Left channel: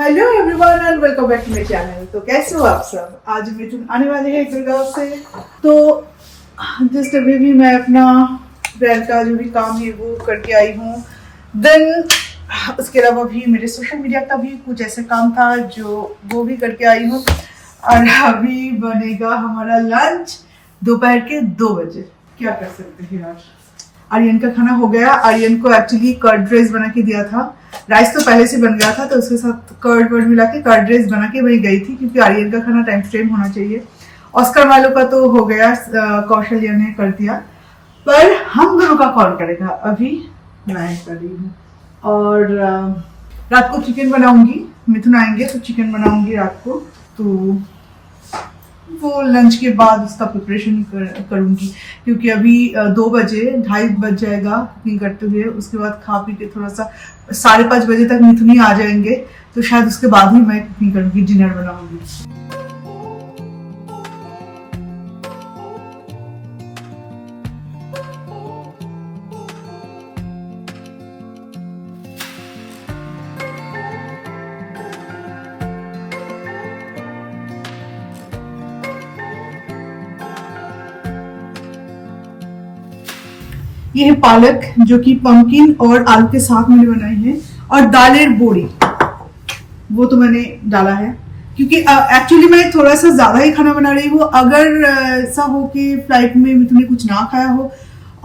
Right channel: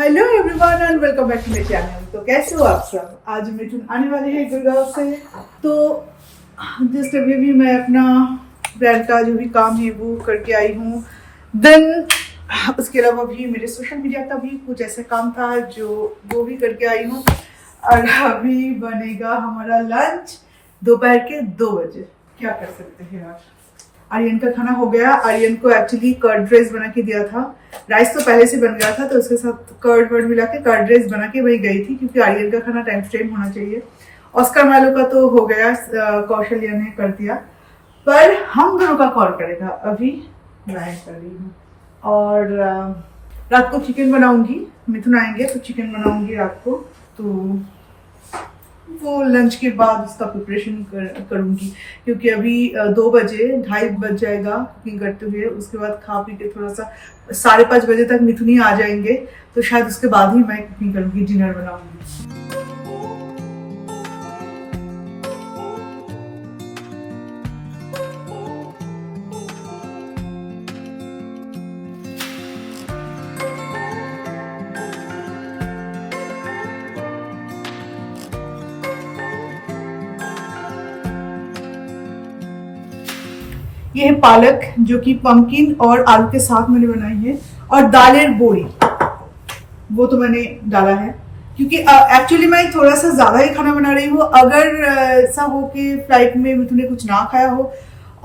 Hello everyone and welcome back to my channel. तो कैसे हो आप सब। आज मिथुन आने वाले हैं गुड़गांव से। तो जस्ट अभी भी मैं अपना ब्रांड का जो भी काम है वो करके आई हूँ। देन उसके अलावा भी मेरे सोशल मीडिया का भी कुछ ऐसा काम था जो वो भी करके आई हूँ। और अभी बनेगा हमारा लंच दोपहर के 2 बजे। क्या कर सकते हैं यार। आर्यन का खाना हो गया। आर्यन को एक्चुअली कर्ड राइस बना के दिया था। राइस तो पहले से बन गया था तो उसके साथ कर्ड वर्ड मिला के कर्ड राइस बना के वही गई थी, क्योंकि आर्यन का खाना टाइम टू टाइम होना चाहिए। ऑस्कर वालों का तो हो गया, कौशल्या ने कर दिया, पर हम दोनों का कौन करेगा अभी मैं कर रही हूँ। और रात को चिकन बनाऊंगी। मिथुन आएंगे तो चिकन बनाऊंगी रात को। तो वो लंच के बाद उसका प्रिपरेशन करूंगी, क्योंकि अभी 2 बजे 2:30 बज जाएगा कुकिंग करते हुए। उसके बाद खा पी के थोड़ा सा 5:30 बजे तक मिथुन ही आ जाएंगे, तो शायद उसके बाद ही मैं कुकिंग करूंगी, डिनर बनाऊंगी। ये है पालक जो कि पंपकिन और आलू के साथ मैंने बनाई है, और दालेर बोरी वो तो मैंने डाला है, क्योंकि एक्चुअली मैं थोड़ा सा ज्यादा ही खाना बना रही हूँ। अगर ऐसा हो कि फ्लाइट में तुमने कुछ ना खाया हो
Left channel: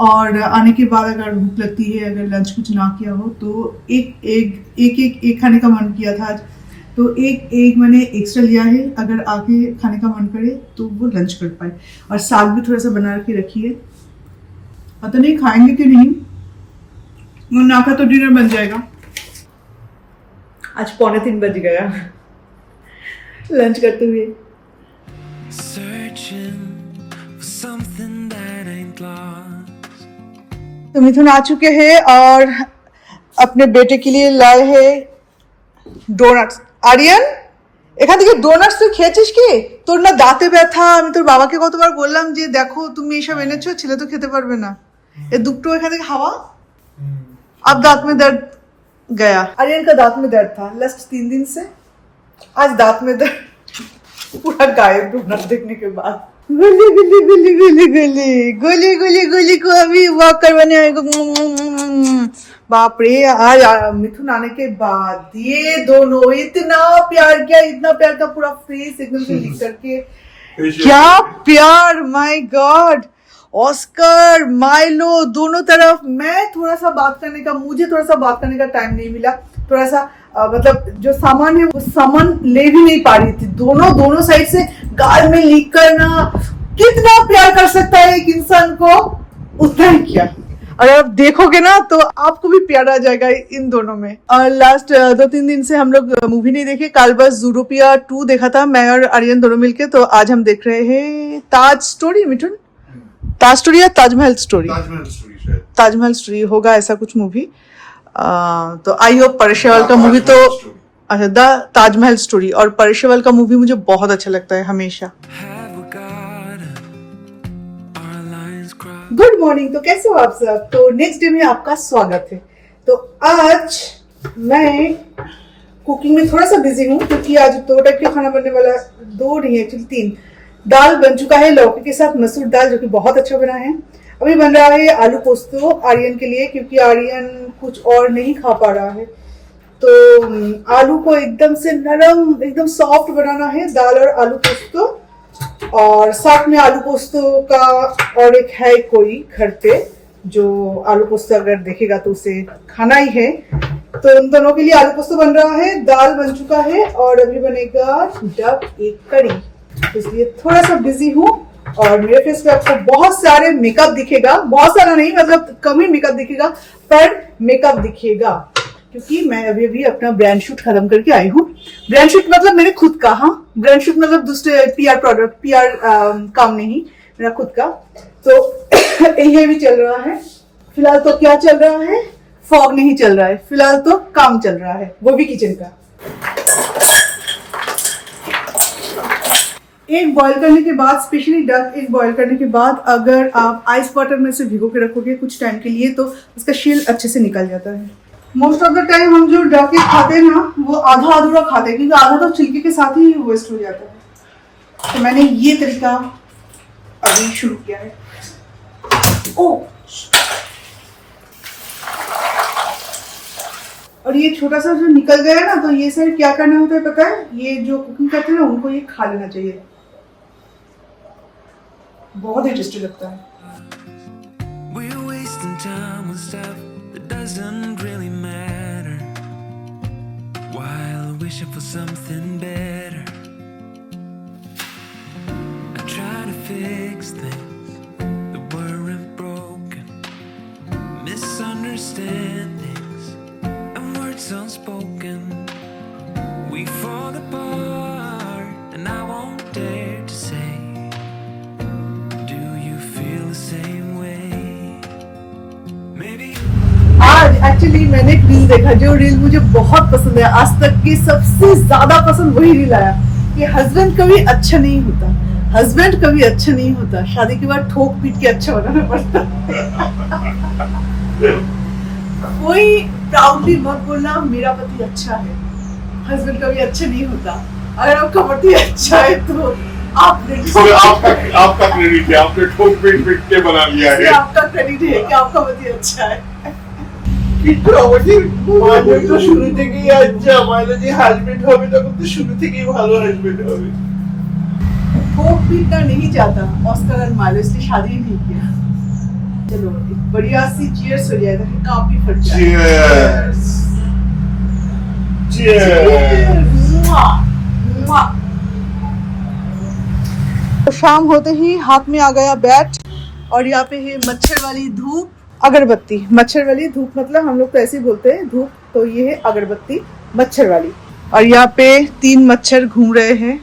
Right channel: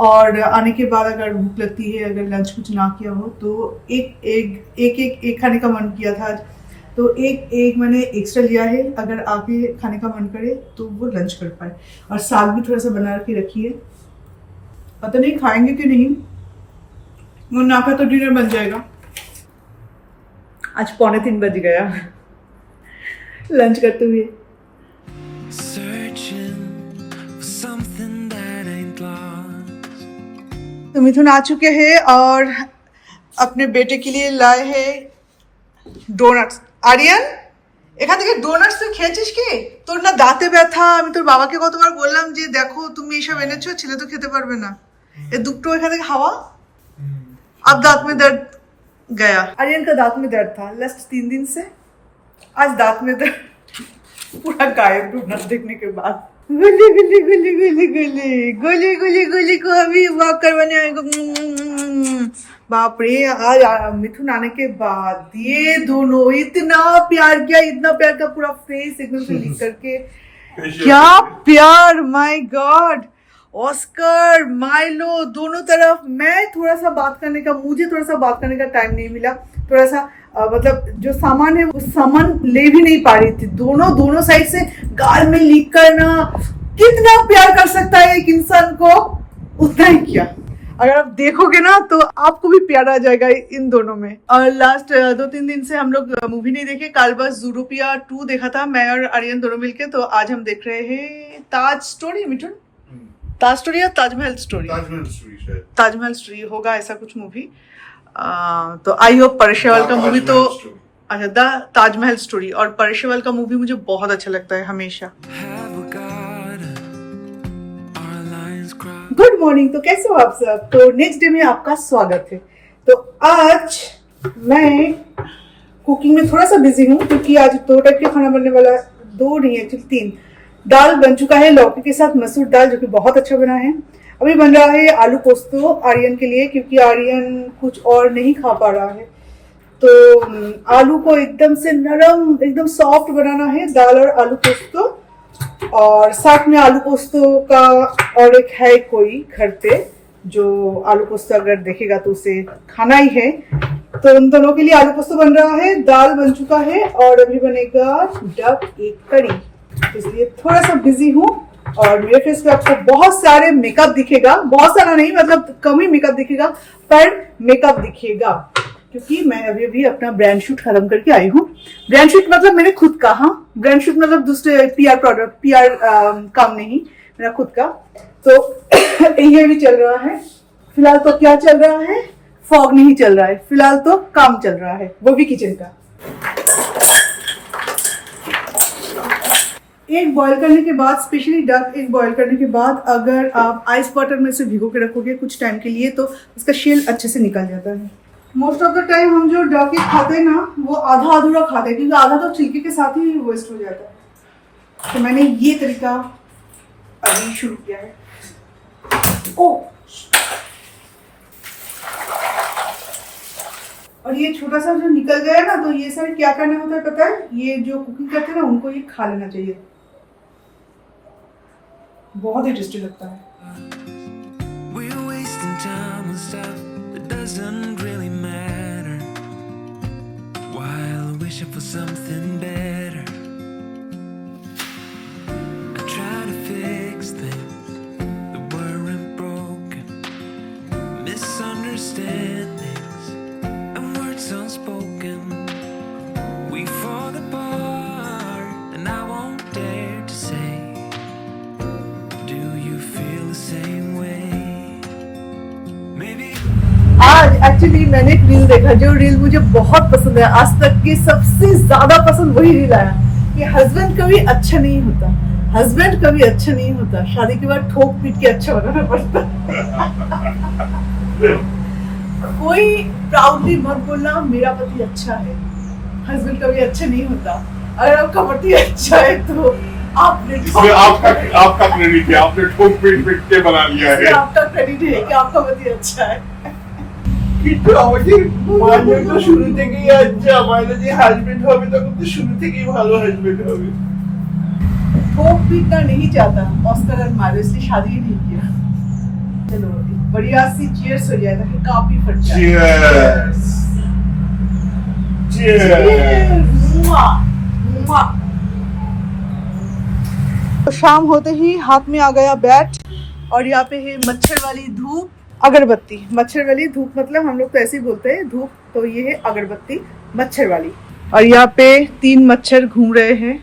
और आने के बाद अगर भूख लगती है, अगर लंच कुछ ना किया हो, तो एक खाने का मन किया था आज, तो एक मैंने एक्स्ट्रा लिया है। अगर आके खाने का मन करे तो वो लंच कर पाए। और साग भी थोड़ा सा बना के रखी है, पता नहीं खाएंगे कि नहीं। वो ना खा तो डिनर बन जाएगा। आज 2:45 बज गया लंच करते हुए। तो मिथुन आ चुके हैं और अपने बेटे के लिए लाए हैं डोनट्स। आर्यन এখান থেকে ডোনাটস তুই খেয়েছিস কি? তোর না দাঁতে ব্যথা। আমি তোর বাবাকে কতবার বললাম যে দেখো তুমি এইসব এনেছো, ছেলে তো খেতে পারবে না। ये दुखटो एखान থেকে खावा। अब दांत में दर्द गया। आर्यन का दांत में दर्द था लास्ट 3 दिन से। आज दांत में दर्द पूरा गायब डोनट देखने के बाद। गुली गुली गुली गुली गुली गुली गुली गुली को अभी वॉक करवाने आएगा। बाप रे, आज मिथुन आने के बाद ये दोनों इतना प्यार किया, इतना प्यार का पूरा फेस एकदम से लिख करके। क्या प्यार, माय गॉड। ऑस्कर माइलो दोनों तरफ। मैं थोड़ा सा बात करने का, मुझे थोड़ा सा बात करने का टाइम नहीं मिला। थोड़ा सा मतलब जो सामान है वो सामान ले भी नहीं पा रही थी। दोनों साइड से गाल में लीक करना। कितना प्यार कर सकता है एक इंसान को, उतना ही किया। और आप देखोगे ना तो आपको भी प्यार आ जाएगा इन दोनों में। और लास्ट 2-3 दिन से हम लोग मूवी नहीं देखे। कल बस ज़ूटोपिया 2 देखा था मैं और आर्यन दोनों मिलके। तो आज हम देख रहे हैं ताज स्टोरी। मिठुन ताज स्टोरी या ताजमहल स्टोरी? ताजमहल स्टोरी होगा ऐसा कुछ मूवी। तो आई होप परेशरावल का मूवी तो अच्छा द ताजमहल स्टोरी। और परेशरावल का मूवी मुझे बहुत अच्छा लगता है हमेशा। Good morning. तो कैसे हो आप सब। तो नेक्स्ट डे में आपका स्वागत है। तो आज मैं कुकिंग में थोड़ा सा बिजी हूँ, क्योंकि आज 2 टाइप का खाना बनने वाला। 2 नहीं एक्चुअली 3। दाल बन चुका है लौकी के साथ, मसूर दाल, जो कि बहुत अच्छा बना है। अभी बन रहा है आलू पोस्तो आर्यन के लिए, क्योंकि आर्यन कुछ और नहीं खा पा रहा है। तो आलू को एकदम से नरम, एकदम सॉफ्ट बनाना है, दाल और आलू पोस्तो। और साथ में आलू पोस्तो का और एक है कोई घर पे जो आलू पोस्तो अगर देखेगा तो उसे खाना ही है। तो उन दोनों के लिए आलू पोस्तो बन रहा है। दाल बन चुका है और अभी बनेगा डक एक कड़ी। इसलिए थोड़ा सा बिजी हूँ। और मेरे फेस पे आपको बहुत सारे मेकअप दिखेगा, बहुत सारा नहीं मतलब कम ही मेकअप दिखेगा, पर मेकअप दिखेगा, क्योंकि मैं अभी भी अपना ब्रांड शूट खत्म करके आई हूँ। ब्रांड शूट मतलब मेरे खुद का। हाँ, ब्रांड शूट मतलब दूसरे पीआर प्रोडक्ट, पीआर काम नहीं, मेरा खुद का। तो ये भी चल रहा है फिलहाल। तो क्या चल रहा है, फॉग नहीं चल रहा है फिलहाल, तो काम चल रहा है, वो भी किचन का। एग बॉईल करने के बाद, स्पेशली डक एग बॉईल करने के बाद अगर आप आइस वाटर में से भिगो के रखोगे कुछ टाइम के लिए, तो उसका शेल अच्छे से निकल जाता है। मोस्ट ऑफ द टाइम हम जो डके खाते हैं ना वो आधा अधूरा खाते हैं, क्योंकि आधा तो छिलके के साथ ही वेस्ट हो जाता है। तो मैंने ये तरीका अभी शुरू किया है। ओ और ये छोटा सा जो निकल गया ना, तो ये से क्या करना होता है पता है? ये जो कुकिंग करते हैं ना उनको ये खा लेना चाहिए, बहुत ही टेस्टी लगता है। We're wasting time on stuff that doesn't really matter, while wishing for something better. I try to fix things that weren't broken, misunderstandings and words unspoken. We fall apart and I won't dare to say, do you feel the same way? Maybe आज actually मैंने एक reel देखा, जो reel मुझे बहुत पसंद है, आज तक की सबसे ज्यादा पसंद वही रील आया कि हस्बैंड कभी अच्छा नहीं होता, हस्बैंड कभी अच्छा नहीं होता, शादी के बाद ठोक पीट के अच्छा बनाना पड़ता कोई प्राउडली मत बोलना मेरा पति अच्छा है, हस्बैंड कभी अच्छा नहीं होता। अगर आपका पति अच्छा है तो आपने आपका क्रेडिट है, आपने ठोक पीट पीट के बना लिया है। आपका क्रेडिट है कि आपका पति अच्छा है। তো শুরু থেকেই আচ্ছা মাইলো যে হাজবেন্ড হবে তখন তো শুরু থেকেই ভালো হাজবেন্ড হবে। ठोक पीटना नहीं चाहता ऑस्कर और माइलो, इसलिए शादी ही नहीं किया। चलो एक बढ़िया सी चीयर्स हो जाए ताकि काफी फट जाए। Cheers cheers. तो शाम होते ही हाथ में आ गया बैट और यहाँ पे है मच्छर वाली धूप, अगरबत्ती। मच्छर वाली धूप मतलब हम लोग तो ऐसे ही बोलते हैं धूप, तो ये है अगरबत्ती मच्छर वाली। और यहाँ पे 3 मच्छर घूम रहे हैं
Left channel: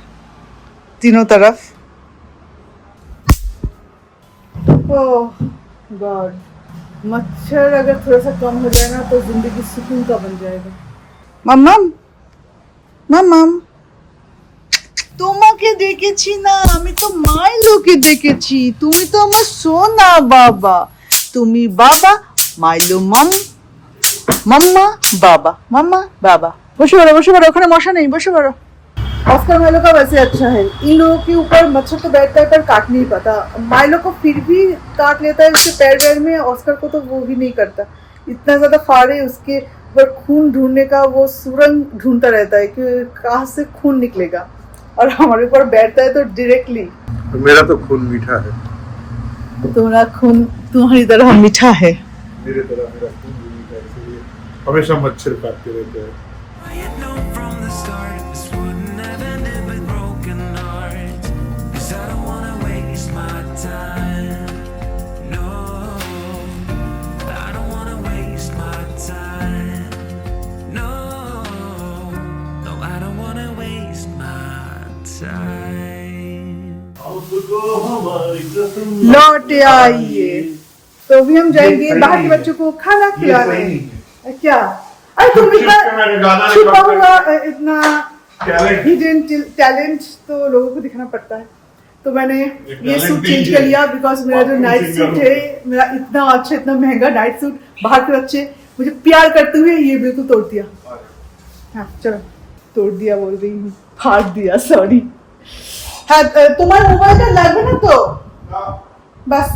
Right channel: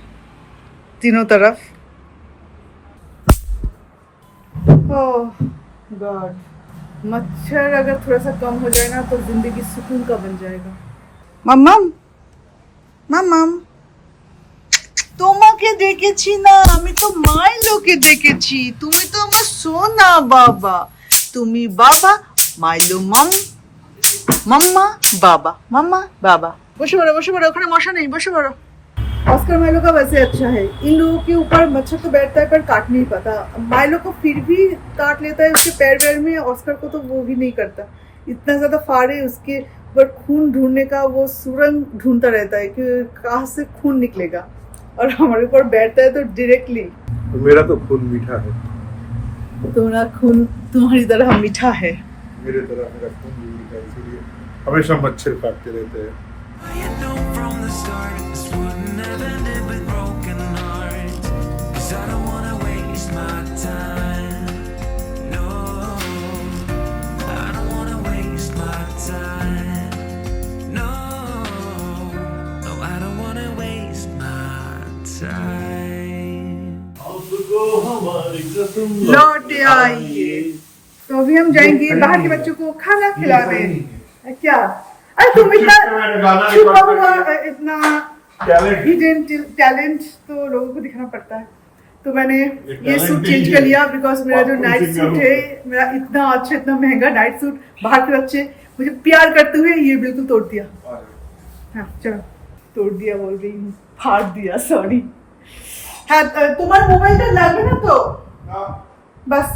तीनों तरफ। ओह गॉड, मच्छर अगर थोड़ा सा कम हो जाए ना तो जिंदगी सुकून का बन जाएगा। मम्मम मम्मम তোমাকে দেখেছি না, আমি তো মাইলোকে দেখেছি, তুমি তো আমার সোনা বাবা, তুমি বাবা মাইলো মাম্মা বাবা মাম্মা বাবা। বসে পড়ো, ওখানে মশা नहीं, बसो पड़ो। ऑस्कर माइलो का वैसे अच्छा है, इन लोगों के ऊपर मच्छर तो बैठता है पर काट नहीं पाता, माइलो को फिर भी काट लेता है उसके पैर वैर में, ऑस्कर को तो वो भी नहीं करता। इतना ज्यादा फाड़े उसके पर खून ढूंढने का वो सुरंग ढूंढता रहता है कि कहाँ से खून निकलेगा, और हमारे ऊपर बैठता है तो डायरेक्टली। तो मेरा तो खून मीठा है। तुम्हारा खून तुम्हारी तरह मीठा है। मेरे तरह मेरा खून भी मीठा है, इसलिए हमेशा मच्छर काटते रहते हैं। I had known from the start this wouldn't have ended with broken hearts, 'cause I don't wanna waste my time. No, I don't wanna waste my time. No, no, I don't wanna waste my time. लौट आइए। तो अभी हम जाएंगे बाहर के बच्चों को खाना खिलाने। क्या? अरे तुम इतना छुपा हुआ इतना हिडन टैलेंट तो लोगों को दिखाना पड़ता है। तो मैंने ये सूट चेंज कर लिया बिकॉज मेरा जो नाइट सूट है, मेरा इतना अच्छा इतना महंगा नाइट सूट, बाहर के बच्चे मुझे प्यार करते हुए ये बिल्कुल तोड़ दिया। हाँ चलो, तोड़ दिया बोल रही हूँ, फाड़ दिया, सॉरी। हाँ तुम्हारा मोबाइल का लागবে না তো, बस